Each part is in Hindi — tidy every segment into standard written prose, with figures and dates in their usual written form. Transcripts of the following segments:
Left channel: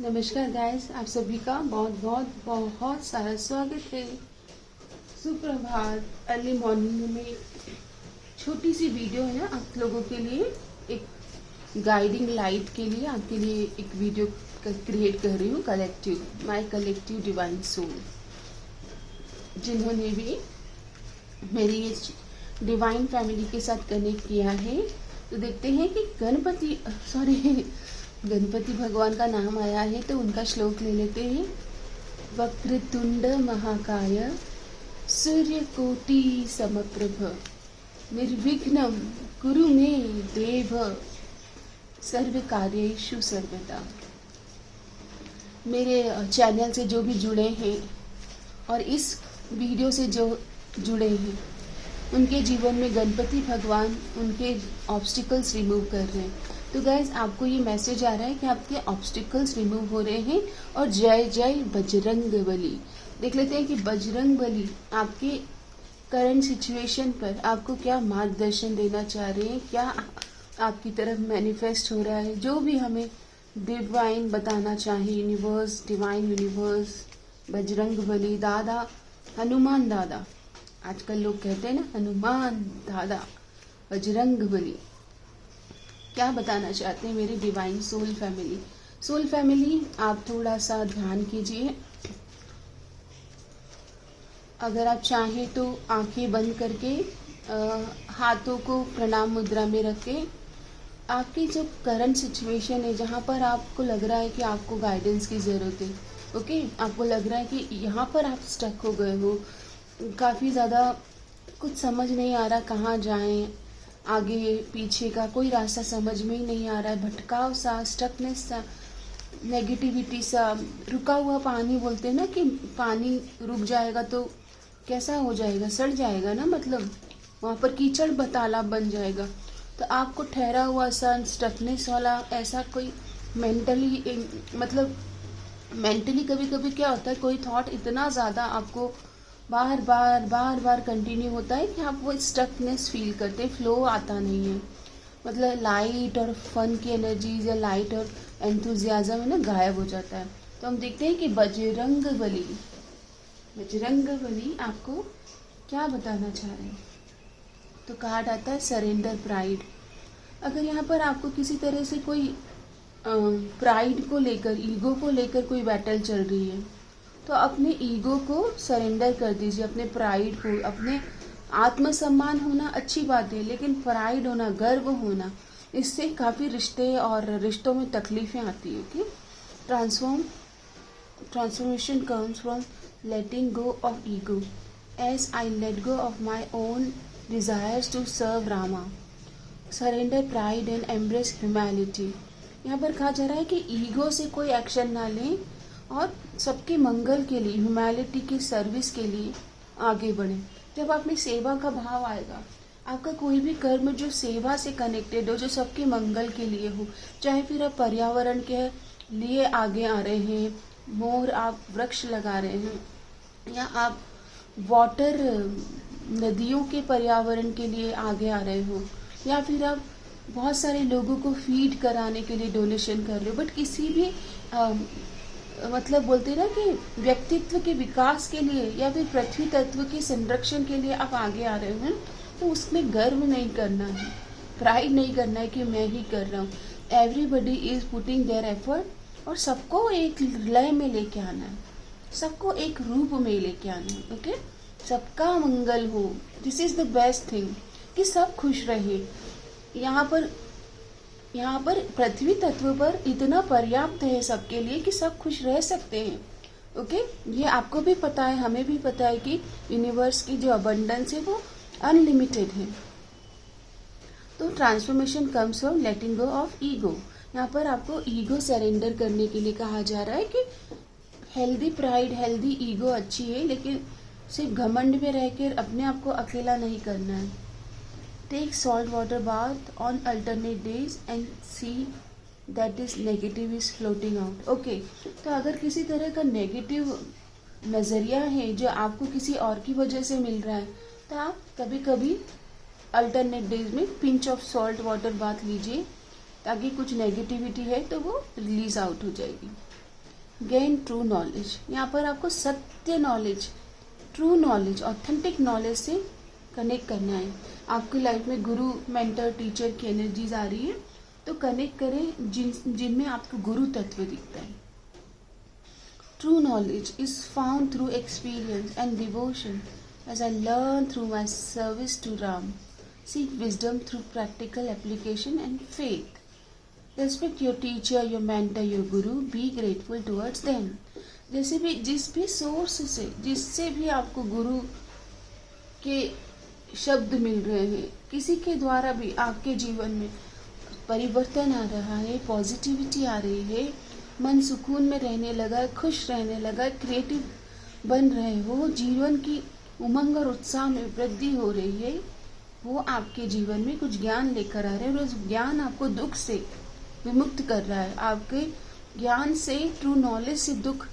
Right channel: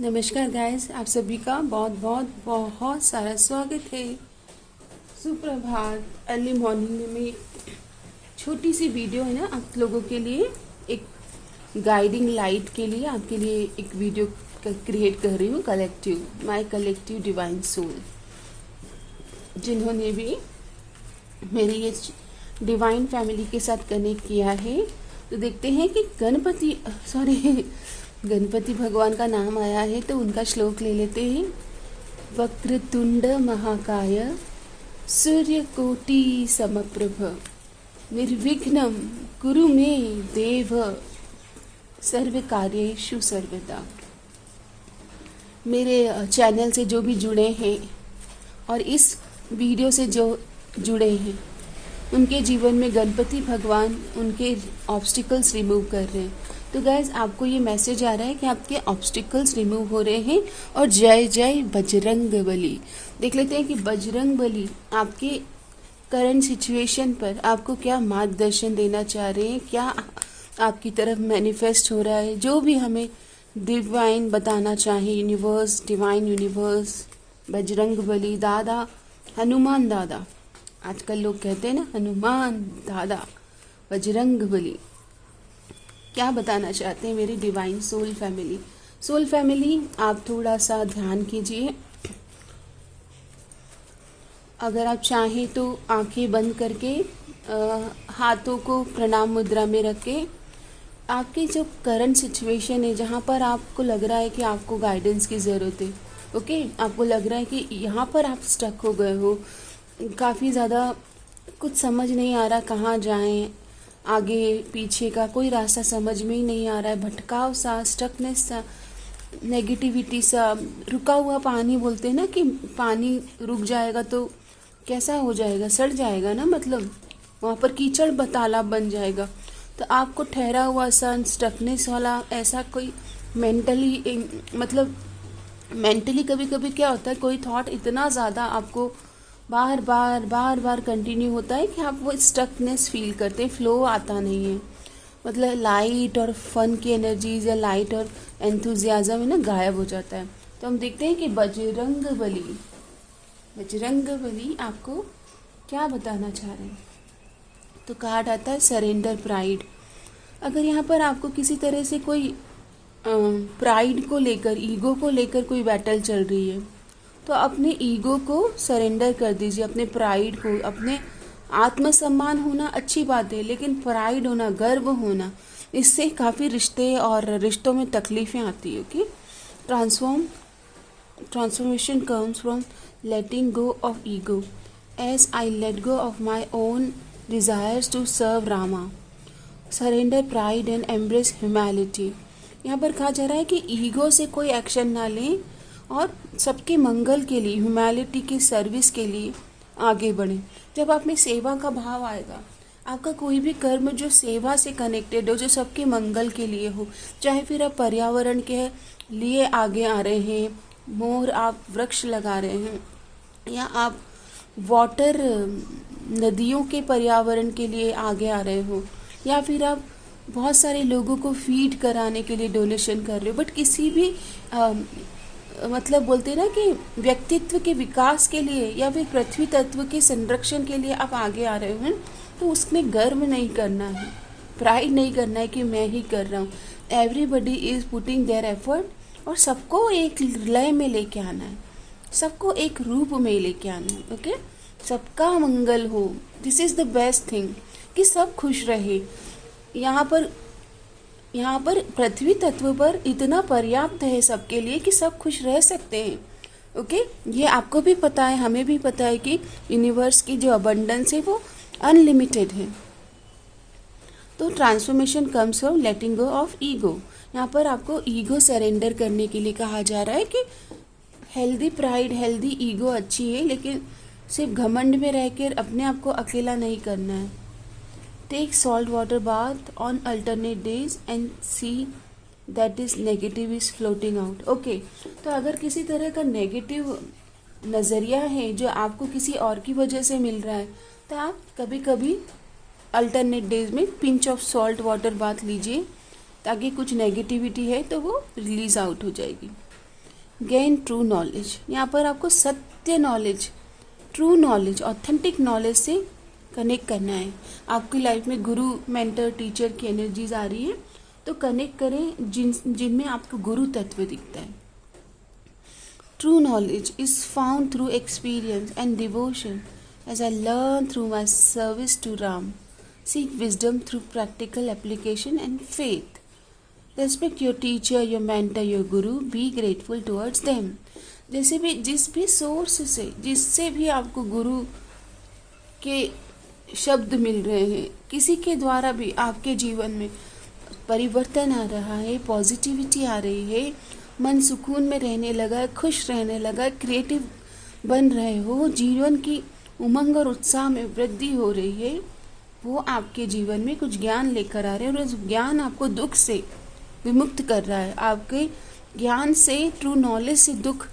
नमस्कार गाइस, आप सभी का बहुत बहुत बहुत सारा स्वागत है। सुप्रभात। अर्ली मॉर्निंग में छोटी सी वीडियो है ना आप लोगों के लिए, एक गाइडिंग लाइट के लिए आपके लिए एक वीडियो क्रिएट कर रही हूँ। माय कलेक्टिव डिवाइन सोल, जिन्होंने भी मेरी ये डिवाइन फैमिली के साथ कनेक्ट किया है, तो देखते हैं कि गणपति भगवान का नाम आया है तो उनका श्लोक ले लेते हैं। वक्रतुंड महाकाय सूर्यकोटि समप्रभ निर्विघ्नं कुरु मे देव सर्व कार्येषु सर्वदा। मेरे चैनल से जो भी जुड़े हैं और इस वीडियो से जो जुड़े हैं, उनके जीवन में गणपति भगवान उनके ऑब्स्टिकल्स रिमूव कर रहे हैं। तो गाइज, आपको ये मैसेज आ रहा है कि आपके ऑब्स्टिकल्स रिमूव हो रहे हैं। और जय जय बजरंग बली। देख लेते हैं कि बजरंग बली आपके करंट सिचुएशन पर आपको क्या मार्गदर्शन देना चाह रहे हैं, क्या आपकी तरफ मैनिफेस्ट हो रहा है, जो भी हमें डिवाइन बताना चाहे, universe, divine universe, Bajrang Bali दादा, हनुमान दादा, आजकल लोग कहते हैं ना हनुमान दादा, बजरंग बली, क्या बताना चाहते हैं मेरी डिवाइन सोल फैमिली। आप थोड़ा सा ध्यान कीजिए। अगर आप चाहें तो आंखें बंद करके हाथों को प्रणाम मुद्रा में रख के आपकी जो करंट सिचुएशन है, जहाँ पर आपको लग रहा है कि आपको गाइडेंस की ज़रूरत है, ओके, आपको लग रहा है कि यहाँ पर आप स्टक हो गए हो, काफ़ी ज़्यादा कुछ समझ नहीं आ रहा, कहाँ जाएं, आगे पीछे का कोई रास्ता समझ में ही नहीं आ रहा है, भटकाव सा, स्टकनेस सा, नेगेटिविटी सा, रुका हुआ पानी बोलते हैं ना कि पानी रुक जाएगा तो कैसा हो जाएगा, सड़ जाएगा ना, मतलब वहाँ पर कीचड़ तालाब बन जाएगा। तो आपको ठहरा हुआ सा स्टकनेस वाला ऐसा कोई मेंटली कभी कभी क्या होता है, कोई थॉट इतना ज़्यादा आपको बार बार कंटिन्यू होता है कि आप वो स्टकनेस फील करते हैं, फ्लो आता नहीं है, मतलब लाइट और फन की एनर्जीज या लाइट और एंथुजियाज्म है ना, गायब हो जाता है। तो हम देखते हैं कि बजरंग बली आपको क्या बताना चाह रहे हैं। तो कार्ड आता है सरेंडर प्राइड। अगर यहाँ पर आपको किसी तरह से कोई प्राइड को लेकर, ईगो को लेकर कोई बैटल चल रही है, तो अपने ईगो को सरेंडर कर दीजिए, अपने प्राइड को। अपने आत्मसम्मान होना अच्छी बात है, लेकिन प्राइड होना, गर्व होना, इससे काफ़ी रिश्ते और रिश्तों में तकलीफ़ें आती है कि transformation comes from letting go of ego as I let go of my own desires to serve Rama, surrender pride and embrace humanity. यहाँ पर कहा जा रहा है कि ईगो से कोई एक्शन ना लें और सबके मंगल के लिए, ह्यूमैनिटी की सर्विस के लिए आगे बढ़ें। जब आप में सेवा का भाव आएगा, आपका कोई भी कर्म जो सेवा से कनेक्टेड हो, जो सबके मंगल के लिए हो, चाहे फिर आप पर्यावरण के लिए आगे आ रहे हैं, मोर आप वृक्ष लगा रहे हैं, या आप वाटर नदियों के पर्यावरण के लिए आगे आ रहे हो, या फिर आप बहुत सारे लोगों को फीड कराने के लिए डोनेशन कर रहे हो, बट किसी भी मतलब बोलते हैं ना कि व्यक्तित्व के विकास के लिए या फिर पृथ्वी तत्व के संरक्षण के लिए आप आगे आ रहे हो, तो उसमें गर्व नहीं करना है, प्राइड नहीं करना है कि मैं ही कर रहा हूँ। Everybody is putting their effort, और सबको एक लय में लेके आना है, सबको एक रूप में लेके आना है, ओके, सबका मंगल हो। This is the best thing कि सब खुश रहे। यहाँ पर पृथ्वी तत्व पर इतना पर्याप्त है सबके लिए कि सब खुश रह सकते हैं, ओके। ये आपको भी पता है, हमें भी पता है कि यूनिवर्स की जो अबंडेंस है वो अनलिमिटेड है। तो transformation comes from letting go of ego. यहाँ पर आपको ईगो सरेंडर करने के लिए कहा जा रहा है कि हेल्दी प्राइड, हेल्दी ईगो अच्छी है, लेकिन सिर्फ घमंड में रहकर अपने आप को अकेला नहीं करना है। Take salt water bath on alternate days and see that is negative is floating out. Okay, तो अगर किसी तरह का नेगेटिव नज़रिया है जो आपको किसी और की वजह से मिल रहा है, तो आप कभी कभी अल्टरनेट डेज में pinch of salt water bath लीजिए, ताकि कुछ नेगेटिविटी है तो वो रिलीज आउट हो जाएगी। गेन ट्रू नॉलेज, यहाँ पर आपको सत्य knowledge, true knowledge, authentic knowledge से कनेक्ट करना है। आपकी लाइफ में गुरु, मेंटर, टीचर की एनर्जीज आ रही है तो कनेक्ट करें जिनमें आपको गुरु तत्व दिखता है। True knowledge is found through experience and devotion as I learn through my service to Ram. Seek wisdom through practical application and faith. Respect your teacher, your mentor, your guru, be grateful towards them. जैसे भी जिस भी सोर्स से, जिससे भी आपको गुरु के शब्द मिल रहे हैं, किसी के द्वारा भी आपके जीवन में परिवर्तन आ रहा है, पॉजिटिविटी आ रही है, मन सुकून में रहने लगा, खुश रहने लगा, क्रिएटिव बन रहे हो, जीवन की उमंग और उत्साह में वृद्धि हो रही है, वो आपके जीवन में कुछ ज्ञान लेकर आ रहे हैं और उस ज्ञान आपको दुख से विमुक्त कर रहा है। आपके ज्ञान से, ट्रू नॉलेज से दुख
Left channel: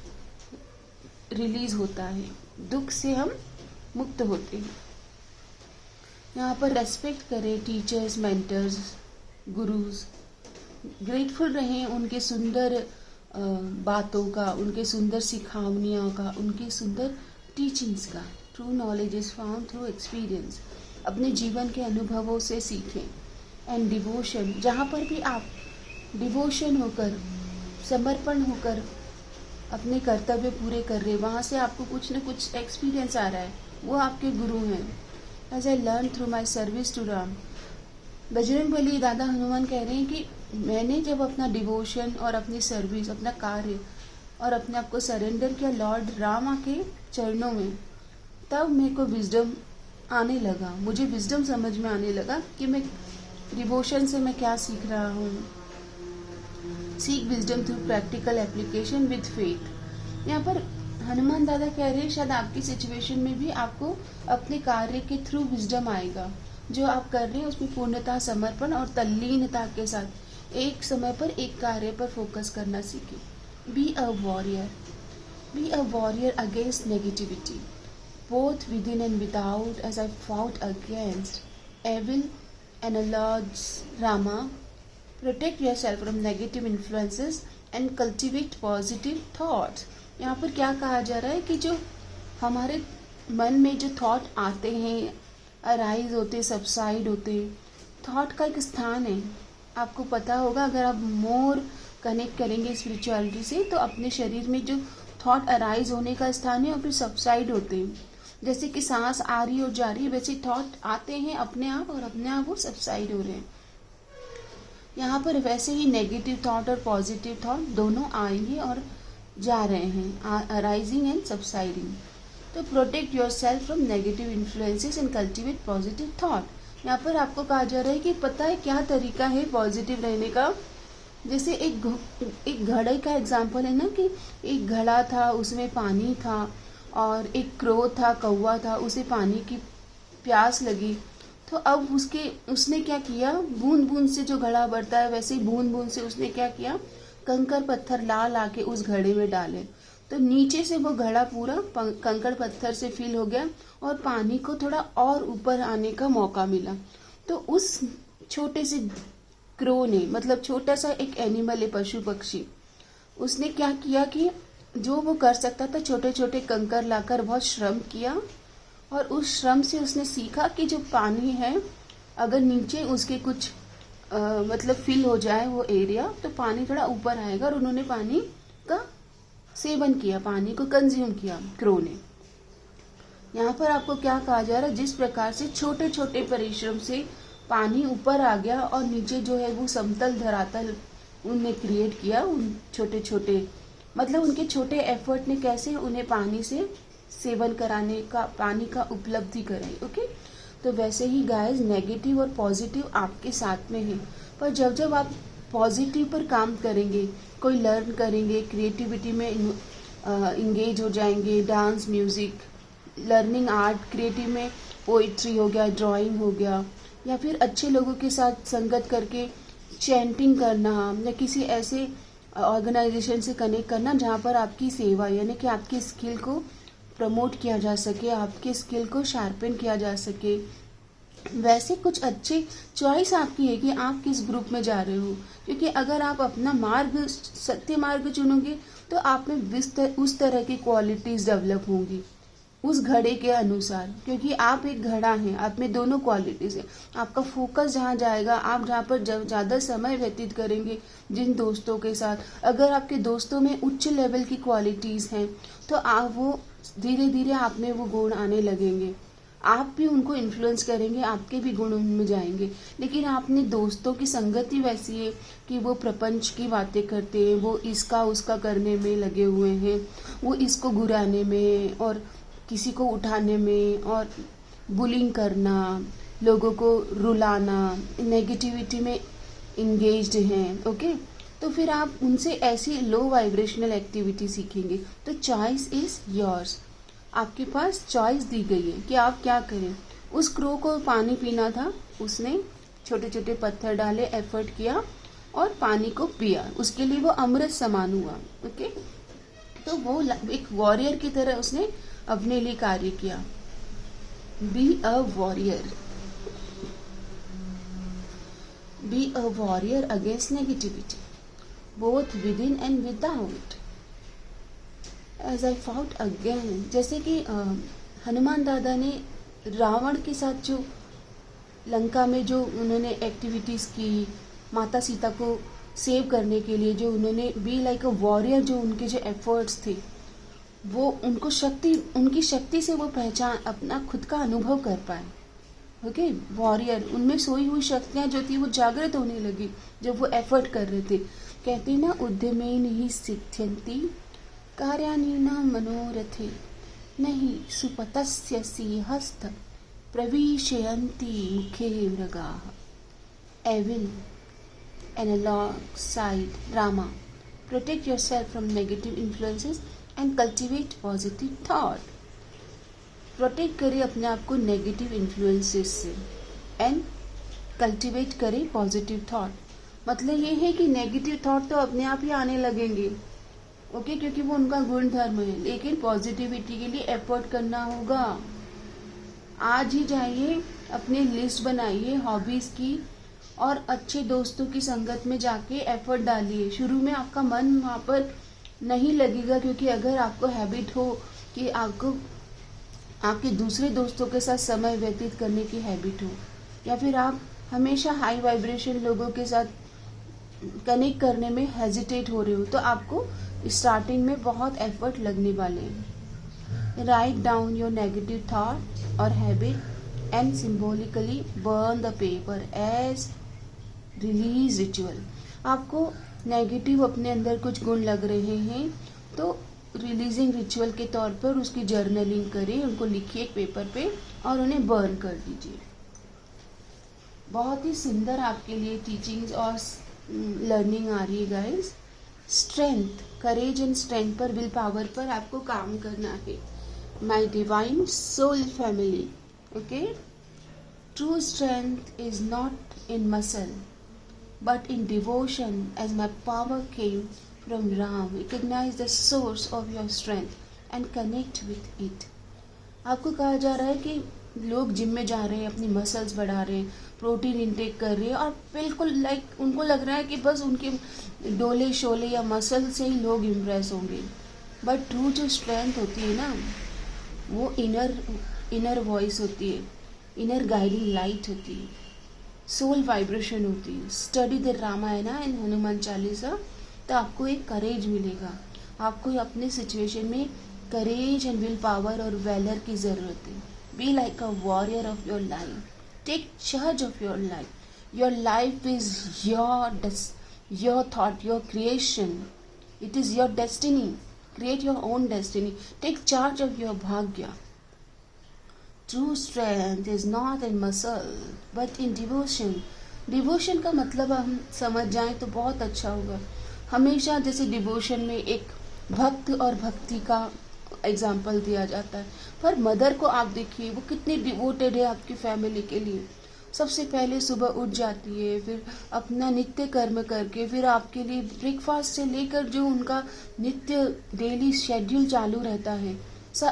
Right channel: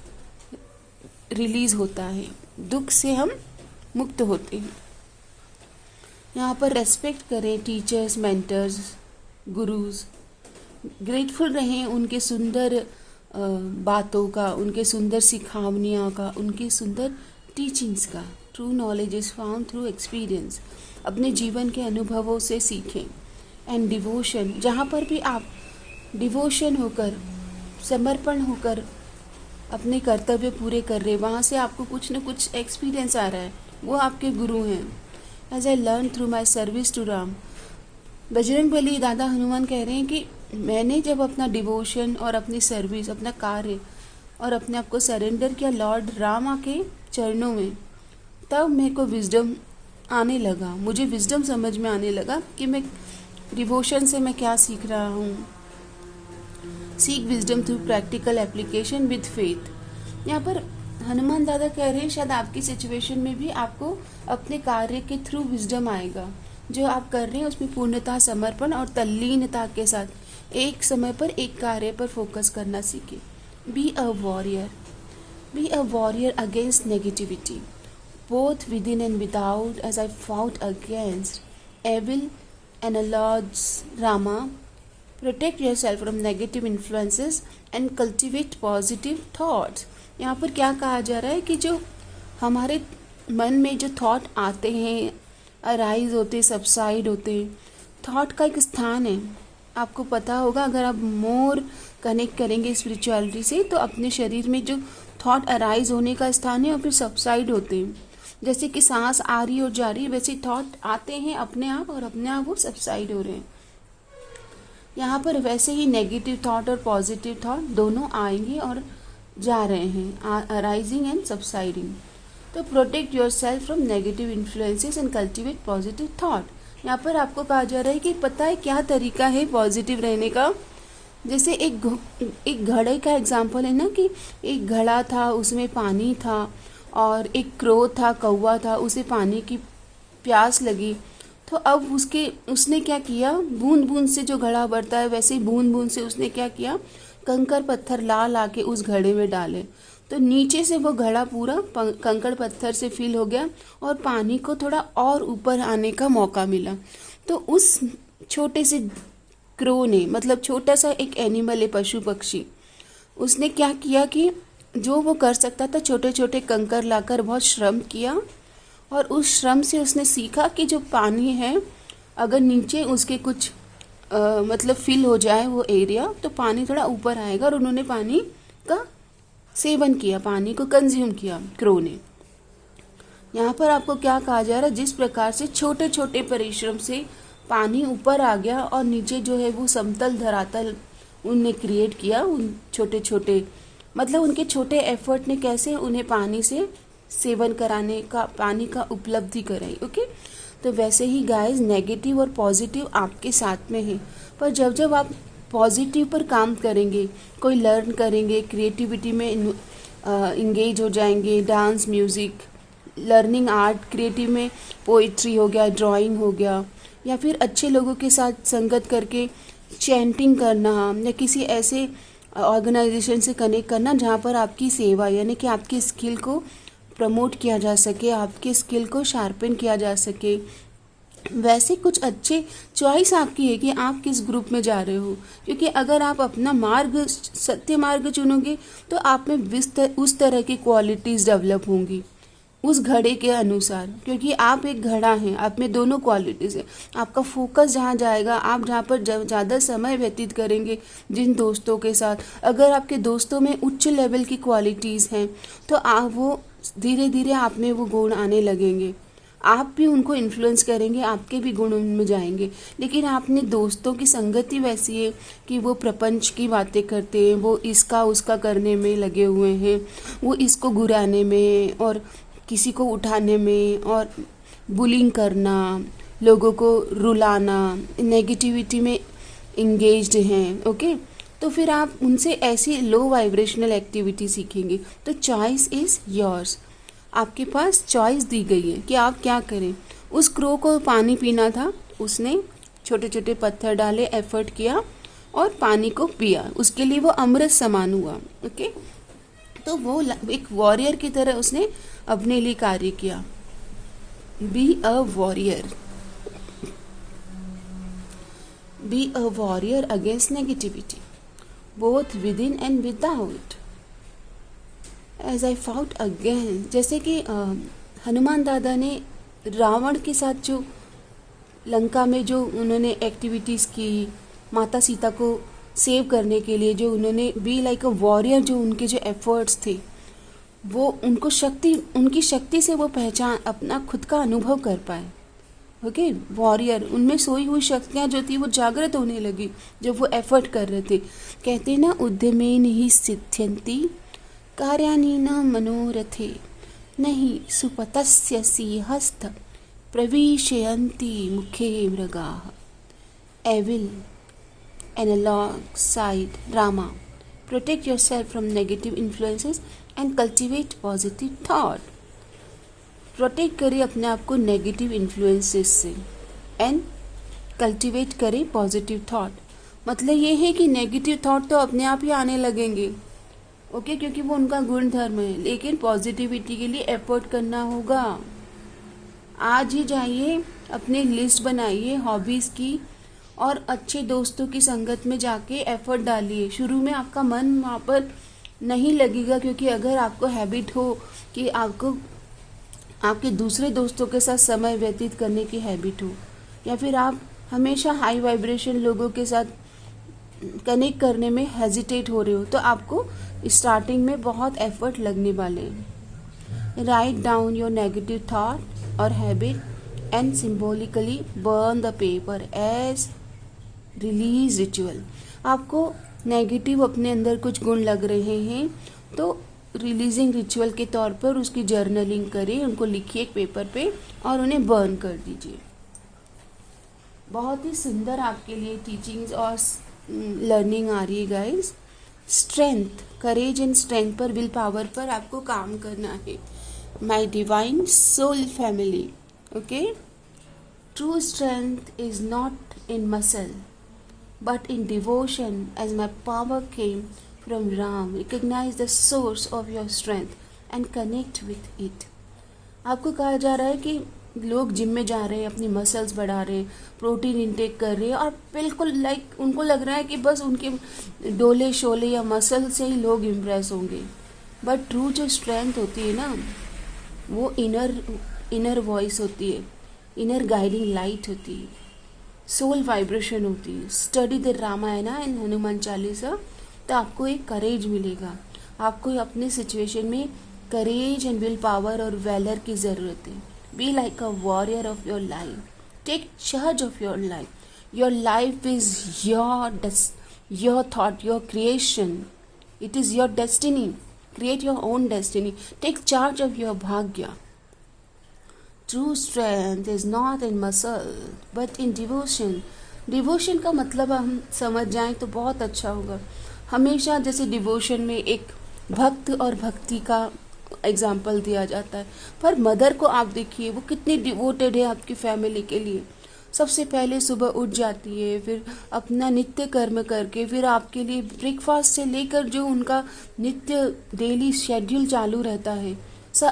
रिलीज होता है, दुख से हम मुक्त होते हैं। यहाँ पर रेस्पेक्ट करें टीचर्स, मेंटर्स, गुरुज, ग्रेटफुल रहें उनके सुंदर बातों का, उनके सुंदर सिखावनियों का, उनकी सुंदर टीचिंग्स का। True knowledge is found through experience, अपने जीवन के अनुभवों से सीखें। एंड डिवोशन, जहाँ पर भी आप डिवोशन होकर, समर्पण होकर अपने कर्तव्य पूरे कर रहे, वहाँ से आपको कुछ न कुछ एक्सपीरियंस आ रहा है, वो आपके गुरु हैं। As I learn through my service to Ram. Bajrangbali दादा हनुमान कह रहे हैं कि मैंने जब अपना डिवोशन और अपनी सर्विस, अपना कार्य और अपने आप को सरेंडर किया लॉर्ड रामा के चरणों में, तब मेरे को विजडम आने लगा, मुझे विजडम समझ में आने लगा कि मैं डिवोशन से मैं क्या सीख रहा हूँ। Seek wisdom through practical application with faith. यहाँ पर हनुमान दादा कह रहे हैं शायद आपकी सिचुएशन में भी आपको अपने कार्य के थ्रू विजडम आएगा। जो आप कर रहे हैं उसमें पूर्णता, समर्पण और तल्लीनता के साथ एक समय पर एक कार्य पर फोकस करना सीखें। B a warrior, be a warrior against negativity both within and without, as I fought against evil and Lord's Rama. Protect yourself from negative influences and cultivate positive thoughts. यहाँ पर क्या कहा जा रहा है कि जो हमारे मन में जो थॉट आते हैं, अराइज होते, सबसाइड होते, थॉट का एक स्थान है। आपको पता होगा, अगर आप मोर कनेक्ट करेंगे स्पिरिचुअलिटी से, तो अपने शरीर में जो थॉट अराइज होने का स्थान है और फिर सबसाइड होते हैं। जैसे कि सांस आ रही और जा रही है, वैसे थॉट आते हैं अपने आप और अपने आप वो सबसाइड हो रहे हैं। यहाँ पर वैसे ही नेगेटिव थॉट और पॉजिटिव थॉट दोनों आएंगे और जा रहे हैं, अराइजिंग एंड सबसाइडिंग। तो protect your self from negative influences and cultivate positive thought. यहाँ पर आपको कहा जा रहा है कि पता है क्या तरीका है पॉजिटिव रहने का। जैसे एक घड़े का एग्जाम्पल है ना, कि एक घड़ा था, उसमें पानी था और एक क्रो था, कौवा था, उसे पानी की प्यास लगी, तो अब उसने क्या किया, बूंद बूंद से जो घड़ा बढ़ता है वैसे ही बूंद बूंद से उसने क्या किया, कंकड़ पत्थर ला के उस घड़े में डाले, तो नीचे से वो घड़ा पूरा कंकड़ पत्थर से फिल हो गया और पानी को थोड़ा और ऊपर आने का मौका मिला। तो उस छोटे से क्रो ने, मतलब छोटा सा एक एनिमल है, पशु पक्षी, उसने क्या किया कि जो वो कर सकता था, छोटे छोटे कंकर लाकर बहुत श्रम किया और उस श्रम से उसने सीखा कि जो पानी है, अगर नीचे उसके कुछ मतलब फिल हो जाए वो एरिया, तो पानी थोड़ा ऊपर आएगा। और उन्होंने पानी का सेवन किया, पानी को कंज्यूम किया क्रो ने। यहाँ पर आपको क्या कहा जा रहा है, जिस प्रकार से छोटे छोटे परिश्रम से पानी ऊपर आ गया और नीचे जो है वो समतल धरातल उनने क्रिएट किया, उन छोटे छोटे, मतलब उनके छोटे एफर्ट ने कैसे उन्हें पानी से सेवन कराने का, पानी का उपलब्धि कराई। ओके, तो वैसे ही गाइस, नेगेटिव और पॉजिटिव आपके साथ में है, पर जब जब आप पॉजिटिव पर काम करेंगे, कोई लर्न करेंगे, क्रिएटिविटी में इंगेज हो जाएंगे, dance, music, learning art, creative में पोइट्री हो गया, ड्राइंग हो गया, या फिर अच्छे लोगों के साथ संगत करके चैंटिंग करना, या किसी ऐसे ऑर्गेनाइजेशन से कनेक्ट करना जहाँ पर आपकी सेवा, यानी कि आपकी स्किल को प्रमोट किया जा सके, आपके स्किल को शार्पन किया जा सके, वैसे कुछ अच्छे चॉइस आपकी है कि आप किस ग्रुप में जा रहे हो, क्योंकि अगर आप अपना मार्ग सत्य मार्ग चुनोगे तो आप में उस तरह की क्वालिटीज़ डेवलप होंगी उस घड़े के अनुसार, क्योंकि आप एक घड़ा हैं, आप में दोनों क्वालिटीज़ हैं। आपका फोकस जहाँ जाएगा, आप जहाँ पर ज़्यादा समय व्यतीत करेंगे जिन दोस्तों के साथ, अगर आपके दोस्तों में उच्च लेवल की क्वालिटीज़ हैं तो आप वो धीरे धीरे आप में वो गुण आने लगेंगे, आप भी उनको इन्फ्लुएंस करेंगे, आपके भी गुण उनमें जाएंगे। लेकिन आपने दोस्तों की संगति वैसी है कि वो प्रपंच की बातें करते हैं, वो इसका उसका करने में लगे हुए हैं, वो इसको घुराने में और किसी को उठाने में और बुलिंग करना, लोगों को रुलाना, नेगेटिविटी में इंगेज्ड हैं। ओके, तो फिर आप उनसे ऐसी लो वाइब्रेशनल एक्टिविटी सीखेंगे। तो चॉइस इज़ योर्स, आपके पास चॉइस दी गई है कि आप क्या करें। उस क्रो को पानी पीना था, उसने छोटे छोटे पत्थर डाले, एफर्ट किया और पानी को पिया, उसके लिए वो अमृत समान हुआ। ओके, तो वो एक वॉरियर की तरह उसने अपने लिए कार्य किया। Be a warrior, be a warrior against negativity both within and without. As I fought again, जैसे कि हनुमान दादा ने रावण के साथ जो लंका में जो उन्होंने एक्टिविटीज़ की, माता सीता को सेव करने के लिए जो उन्होंने बी लाइक अ वॉरियर, जो उनके जो एफर्ट्स थे वो उनको शक्ति, उनकी शक्ति से वो पहचान अपना खुद का अनुभव कर पाए। ओके, वॉरियर, उनमें सोई हुई शक्तियाँ जो थी वो जागृत होने लगी जब वो एफर्ट कर रहे थे। कहते ना, उद्यमेन ही सिद्ध्यन्ति कार्याणि न मनोरथे, नहीं सुपतस्य सिंहस्थ प्रविशयन्ति मुखे मृगाः। Evil and alongside Rama, protect yourself from negative influences and cultivate positive thought. Protect करें अपने आप को नेगेटिव इन्फ्लुएंसेस से एंड कल्टिवेट करें पॉजिटिव थॉट। मतलब ये है कि नेगेटिव थॉट तो अपने आप ही आने लगेंगे, ओके, क्योंकि वो उनका गुण धर्म है, लेकिन पॉजिटिविटी के लिए एफर्ट करना होगा। आज ही जाइए, अपनी लिस्ट बनाइए हॉबीज़ की और अच्छे दोस्तों की संगत में जाके एफर्ट डालिए। शुरू में आपका मन वहाँ पर नहीं लगेगा, क्योंकि अगर आपको हैबिट हो कि आपको आपके दूसरे दोस्तों के साथ समय व्यतीत करने की हैबिट हो, या फिर आप हमेशा हाई वाइब्रेशन लोगों के साथ कनेक्ट करने में हेजिटेट हो रहे हो, तो आपको स्टार्टिंग में बहुत एफर्ट लगने वाले हैं। Write down your negative thought और habit and symbolically burn the paper as release ritual. आपको नेगेटिव अपने अंदर कुछ गुण लग रहे हैं तो रिलीजिंग रिचुअल के तौर पर उसकी जर्नलिंग करें, उनको लिखिए एक पेपर पे और उन्हें बर्न कर दीजिए। बहुत ही सुंदर आपके लिए टीचिंग्स और लर्निंग आ रही है guys. Strength, courage and strength पर, विल पावर पर आपको काम करना है। My divine soul family, okay, true strength is not in muscle but in devotion, as my power came from Ram. Recognize the source of your strength and connect with it. आपको कहा जा रहा है कि लोग जिम में जा रहे हैं, अपनी मसल्स बढ़ा रहे हैं, प्रोटीन इंटेक कर रहे हैं और बिल्कुल लाइक उनको लग रहा है कि बस उनके डोले शोले या मसल से ही लोग इम्प्रेस होंगे। बट ट्रू जो स्ट्रेंथ होती है ना, वो इनर वॉइस होती है, इनर गाइडिंग लाइट होती है, सोल वाइब्रेशन होती है। Study the Ramayan and Hanuman Chalisa, तो आपको एक करेज मिलेगा। आपको अपने सिचुएशन में करेज एंड विल पावर और वैलर की ज़रूरत है। Be like a warrior of your life, take charge of your life. Your life is your thought, your creation, it is your destiny. Create your own destiny, take charge of your bhagya. True strength is not in muscle but in devotion. Devotion का मतलब हम समझ जाएं तो बहुत अच्छा होगा। हमेशा जैसे डिवोशन में एक भक्त और भक्ति का एग्जाम्पल दिया जाता है, पर मदर को आप देखिए वो कितनी डिवोटेड है आपकी फैमिली के लिए। सबसे पहले सुबह उठ जाती है, फिर अपना नित्य कर्म करके फिर आपके लिए ब्रेकफास्ट से लेकर जो उनका नित्य डेली शेड्यूल चालू रहता है,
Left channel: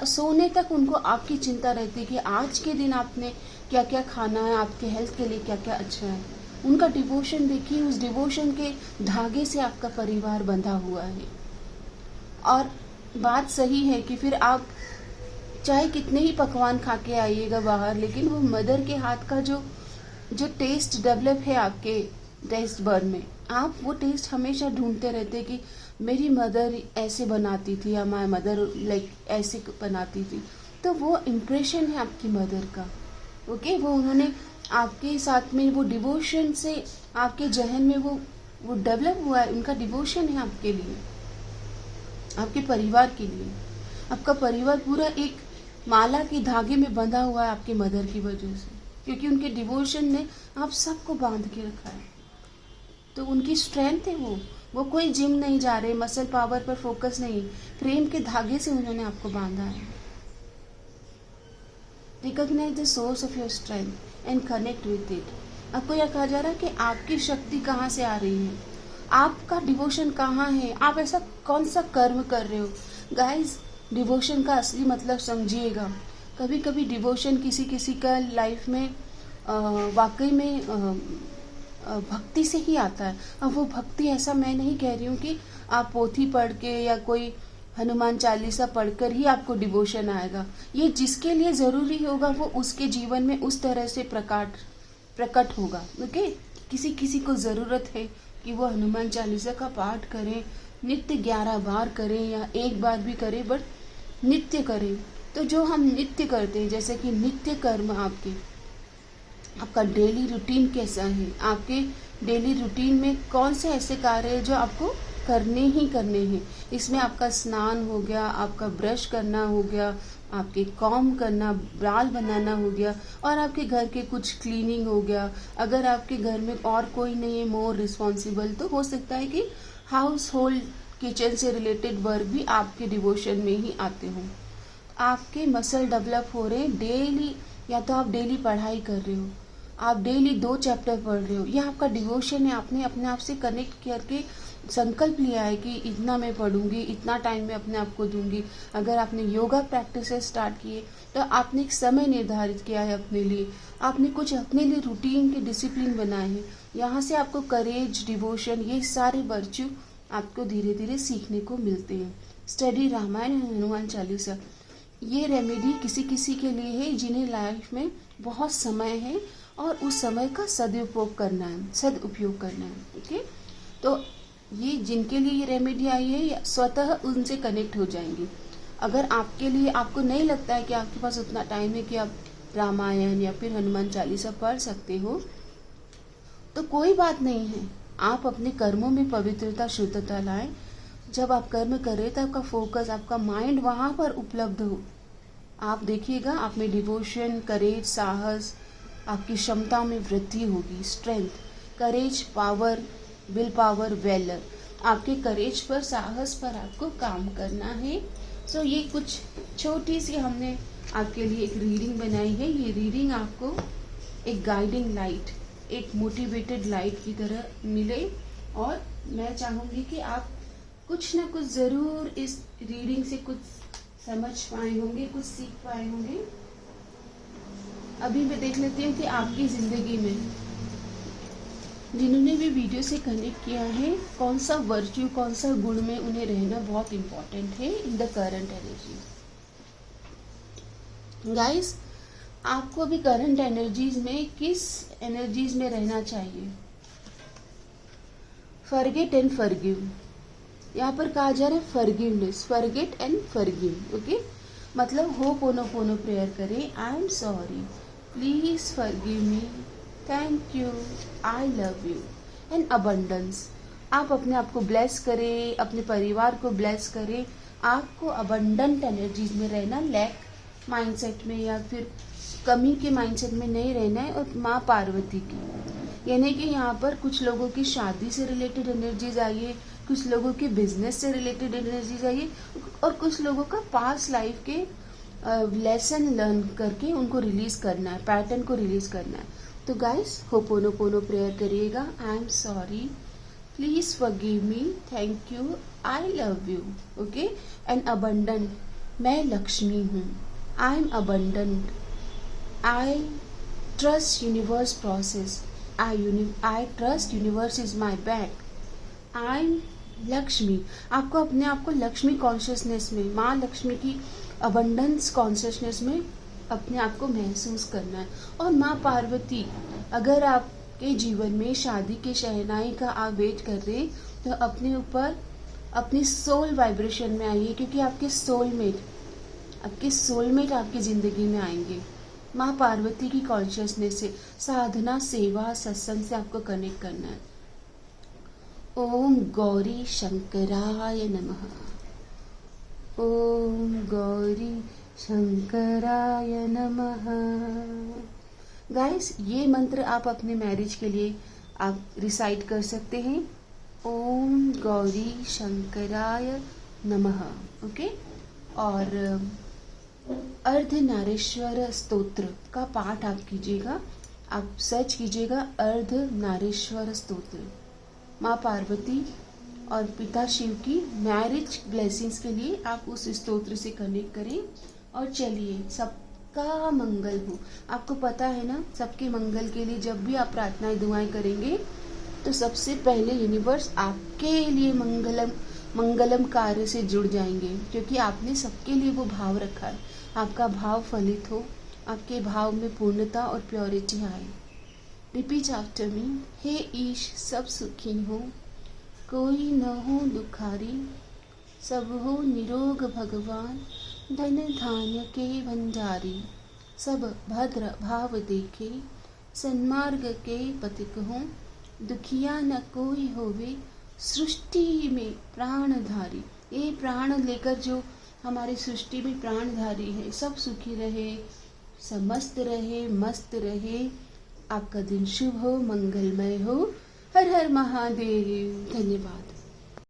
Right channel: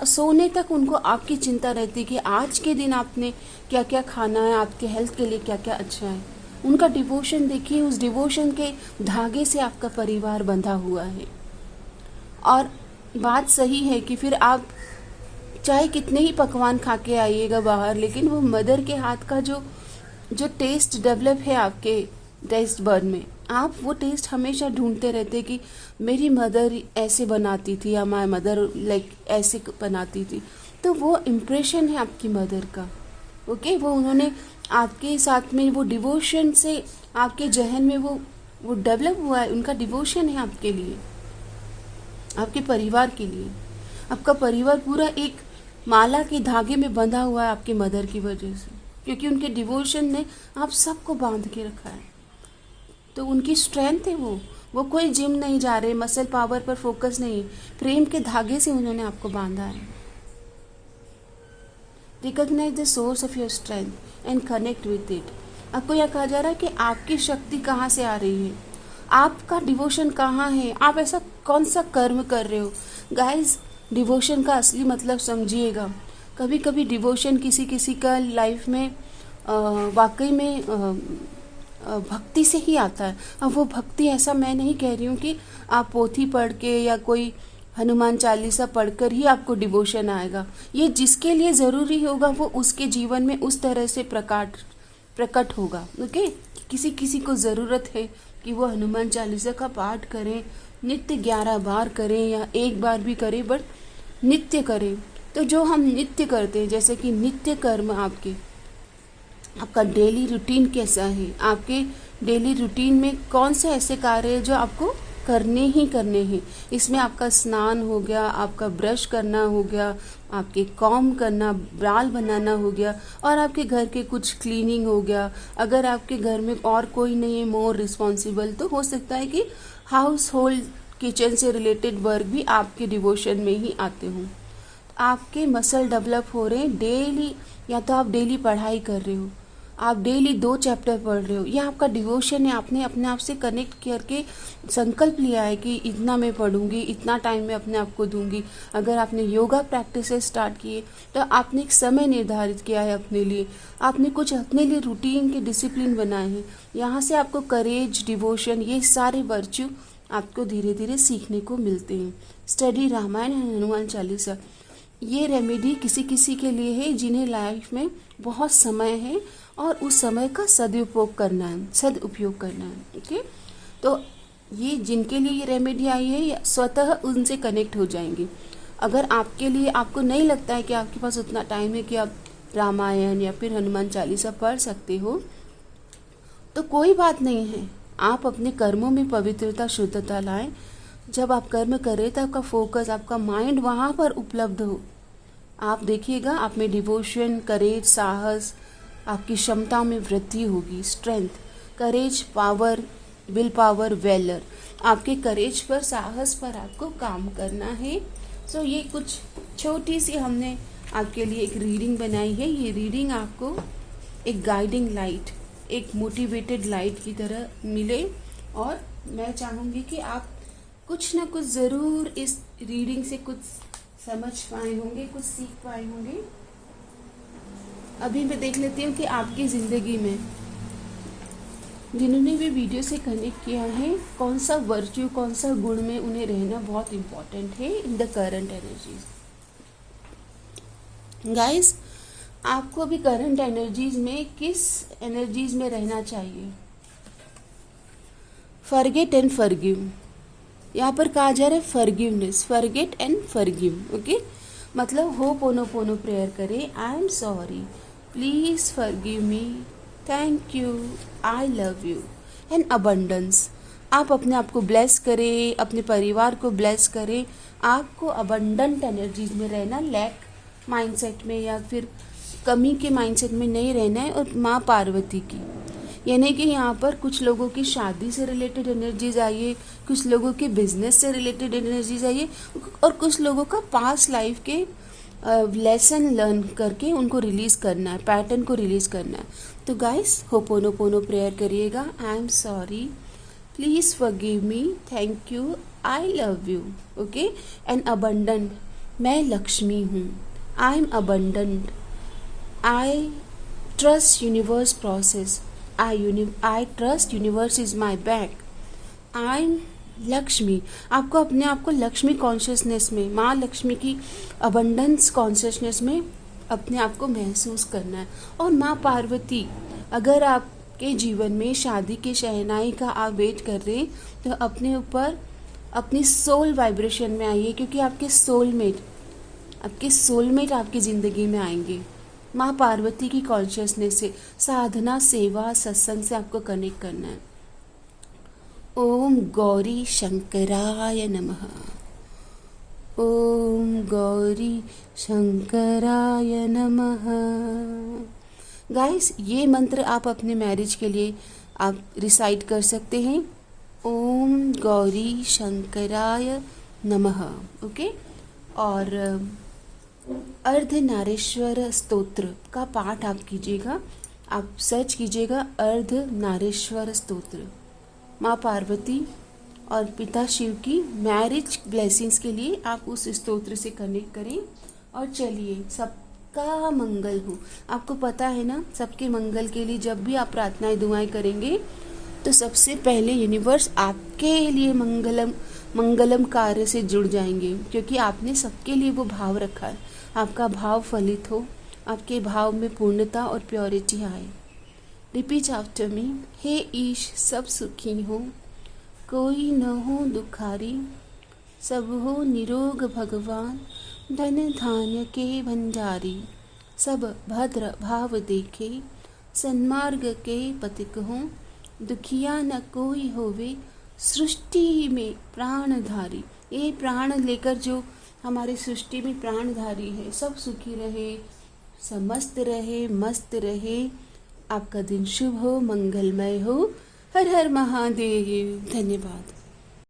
सोने तक उनको आपकी चिंता रहती है कि आज के दिन आपने क्या क्या खाना है, आपके हेल्थ के लिए क्या क्या अच्छा है। उनका डिवोशन देखिए, उस डिवोशन के धागे से आपका परिवार बंधा हुआ है। और बात सही है कि फिर आप चाहे कितने ही पकवान खा के आइएगा बाहर, लेकिन वो मदर के हाथ का जो जो टेस्ट डेवलप है आपके टेस्ट बर्ड में, आप वो टेस्ट हमेशा ढूंढते रहते कि मेरी मदर ऐसे बनाती थी या माय मदर लाइक ऐसे बनाती थी। तो वो इम्प्रेशन है आपकी मदर का। ओके, वो उन्होंने आपके साथ में वो डिवोशन से आपके जहन में वो डेवलप हुआ है। उनका डिवोशन है आपके लिए, आपके परिवार के लिए। आपका परिवार पूरा एक माला के धागे में बंधा हुआ है आपके मदर की वजह से, क्योंकि उनके डिवोशन ने आप सबको बांध के रखा है। तो उनकी स्ट्रेंथ है वो कोई जिम नहीं जा रहे, मसल पावर पर फोकस नहीं, प्रेम के धागे से उन्होंने आपको बांधा है। Recognise the source of your strength and connect with it. आपको यह कहा जा रहा है कि आपकी शक्ति कहाँ से आ रही है, आपका डिवोशन कहाँ है, आप ऐसा कौन सा कर्म कर रहे हो। गाइस, डिवोशन का असली मतलब समझिएगा। कभी कभी डिवोशन किसी किसी का लाइफ में वाकई में भक्ति से ही आता है। अब वो भक्ति, ऐसा मैं नहीं कह रही हूँ कि आप पोथी पढ़ के या कोई हनुमान चालीसा पढ़कर ही आपको डिवोशन आएगा। ये जिसके लिए ज़रूरी होगा वो उसके जीवन में उस तरह से प्रकट होगा। ओके, किसी किसी को ज़रूरत है कि वो हनुमान चालीसा का पाठ करें, नित्य 11 बार करें या एक बार भी करें, बट नित्य करें। तो जो हम नित्य करते हैं, जैसे कि नित्य कर्म आपका डेली रूटीन कैसा है, आपके डेली रूटीन में कौन से ऐसे कार्य है जो आपको करने ही करने हैं। इसमें आपका स्नान हो गया, आपका ब्रश करना हो गया, आपके कॉम्ब करना, बाल बनाना हो गया, और आपके घर के कुछ क्लीनिंग हो गया। अगर आपके घर में और कोई नहीं है मोर रिस्पॉन्सिबल, तो हो सकता है कि हाउस होल्ड किचन से रिलेटेड वर्क भी आपके डिवोशन में ही आते हों। आपके मसल डेवलप हो रहे हैं डेली, या तो आप डेली पढ़ाई कर रहे हो, आप डेली 2 चैप्टर पढ़ रहे हो, यह आपका डिवोशन है। आपने अपने आप से कनेक्ट करके संकल्प लिया है कि इतना मैं पढ़ूंगी, इतना टाइम मैं अपने आप को दूंगी। अगर आपने योगा प्रैक्टिस स्टार्ट किए तो आपने एक समय निर्धारित किया है अपने लिए, आपने कुछ अपने लिए रूटीन के डिसिप्लिन बनाए हैं। यहाँ से आपको करेज, डिवोशन, ये सारे वर्च्यू आपको धीरे धीरे सीखने को मिलते हैं। स्टडी रामायण एंड हनुमान चालीसा, ये रेमेडी किसी किसी के लिए है जिन्हें लाइफ में बहुत समय है और उस समय का सदुपयोग करना है। ओके, तो ये जिनके लिए ये रेमेडी आई है स्वतः उनसे कनेक्ट हो जाएंगे। अगर आपके लिए, आपको नहीं लगता है कि आपके पास उतना टाइम है कि आप रामायण या फिर हनुमान चालीसा पढ़ सकते हो, तो कोई बात नहीं है। आप अपने कर्मों में पवित्रता, शुद्धता लाएं। जब आप कर्म करें तो आपका फोकस, आपका माइंड वहाँ पर उपलब्ध हो। आप देखिएगा आप में डिवोशन, करेज, साहस, आपकी क्षमता में वृद्धि होगी। Strength, courage, power, will power, valour, आपके करेज पर, साहस पर आपको काम करना है। सो ये कुछ छोटी सी हमने आपके लिए एक रीडिंग बनाई है। ये रीडिंग आपको एक गाइडिंग लाइट, एक मोटिवेटेड लाइट की तरह मिले, और मैं चाहूँगी कि आप कुछ ना कुछ ज़रूर इस रीडिंग से कुछ समझ पाए होंगे, कुछ सीख पाए होंगे। अभी मैं देख लेती हूँ कि आपकी ज़िंदगी में जिन्होंने भी वीडियो से कनेक्ट किया है, कौन सा वर्च्यू, कौन सा गुण में उन्हें रहना बहुत इम्पोर्टेंट है in the current energies. Guys, आपको अभी करंट एनर्जीज में किस एनर्जीज में रहना चाहिए? फॉरगेट एंड फॉरगिव, यहाँ पर कहा जा रहा है forgiveness, forget and forgive. Okay, मतलब होपोनोपोनो प्रेयर करें। I am sorry, please forgive me, thank you, I love you, and abundance. आप अपने आप को ब्लेस करें, अपने परिवार को ब्लेस करें। आपको अबंडेंट एनर्जीज में रहना, लैक माइंडसेट में या फिर कमी के माइंडसेट में नहीं रहना है। और माँ पार्वती की, यानी कि यहाँ पर कुछ लोगों की शादी से रिलेटेड एनर्जीज आई है, कुछ लोगों के बिजनेस से रिलेटेड एनर्जीज आई है, और कुछ लोगों का पास्ट लाइफ के लेसन लर्न करके उनको रिलीज करना है, पैटर्न को रिलीज करना है। तो गाइस, होपोनोपोनो प्रेयर करिएगा। I am sorry, please forgive me, thank you, I love you. Okay, and abundant, मैं लक्ष्मी हूँ. I am abundant. I trust universe process. I trust universe is my back. I am Lakshmi. आपको अपने आप को लक्ष्मी कॉन्शियसनेस में, माँ लक्ष्मी की अबंडेंस कॉन्शियसनेस में अपने आप को महसूस करना है. और माँ पार्वती, अगर आपके जीवन में शादी के शहनाई का आप वेट कर रहे हैं तो अपने ऊपर अपनी सोल वाइब्रेशन में आइए, क्योंकि आपके सोलमेट आपकी ज़िंदगी में आएंगे. माँ पार्वती की कॉन्शियसनेस से साधना, सेवा, सत्संग से आपको कनेक्ट करना है. ओम गौरी शंकराय नमः. ओम गौरी शंकराय नमः. गाइस, ये मंत्र आप अपने मैरिज के लिए आप रिसाइट कर सकते हैं. ओम गौरी शंकराय नमः. ओके. और अर्धनारीश्वर स्तोत्र का पाठ आप कीजिएगा. आप सर्च कीजिएगा अर्धनारीश्वर स्तोत्र. माँ पार्वती और पिता शिव की मैरिज ब्लेसिंग्स के लिए आप उस स्तोत्र से कनेक्ट करें. और चलिए, सबका मंगल हो. आपको पता है ना, सबके मंगल के लिए जब भी आप प्रार्थनाएं दुआएं करेंगे तो सबसे पहले यूनिवर्स आपके लिए मंगलम कार्य से जुड़ जाएंगे, क्योंकि आपने सबके लिए वो भाव रखा है. आपका भाव फलित हो, आपके भाव में पूर्णता और प्योरिटी आए. Repeat after me. हे ईश, सब सुखी हो, कोई न हो दुखारी, सब हो निरोग भगवान, धन धान्य के भंडारी, सब भद्र भाव देखे, सन्मार्ग के पथिक हों, दुखिया न कोई होवे, सृष्टि में प्राणधारी. ये प्राण लेकर जो हमारी सृष्टि में प्राणधारी है, सब सुखी रहे, सब मस्त रहे, मस्त रहे. आपका दिन शुभ हो, मंगलमय हो. हर हर महादेव. धन्यवाद.